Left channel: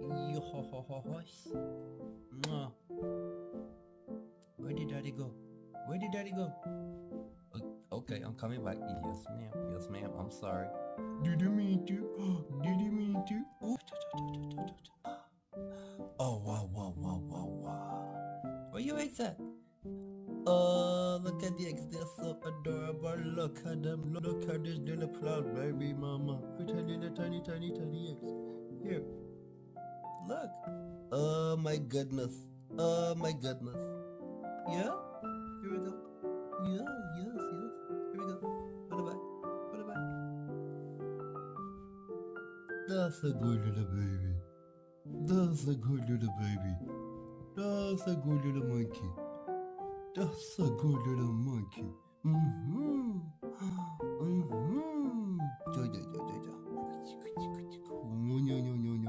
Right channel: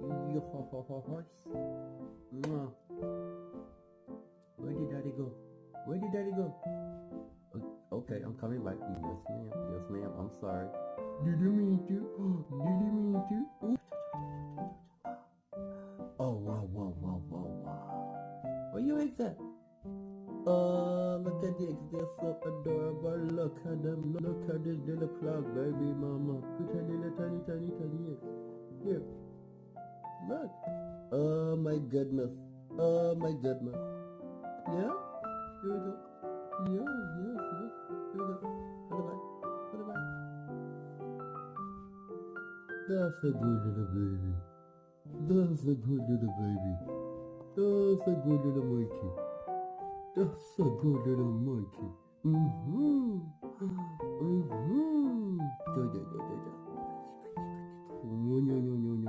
Yo-ho-ho-ho-hois. Mwah. Where did daddy go? Where did daddy go? Okay, I'm coming back. Yes, ma'am. Yes, ma'am. I'm sorry. Did you mean to? Did you mean to? Oh, wow. Where you eggs at? Look at the eggs. They're so adorable. Look at them. Look at this little cloud baby mama. Pretending a tiny eggs. Here. Look. Oh my goodness. Oh my goodness. Yeah? Here we go. Yes. Here we go. Put it back. That's a good little baby. That's a good little baby. That's a good little monkey. That's a good little monkey. Mm-hmm.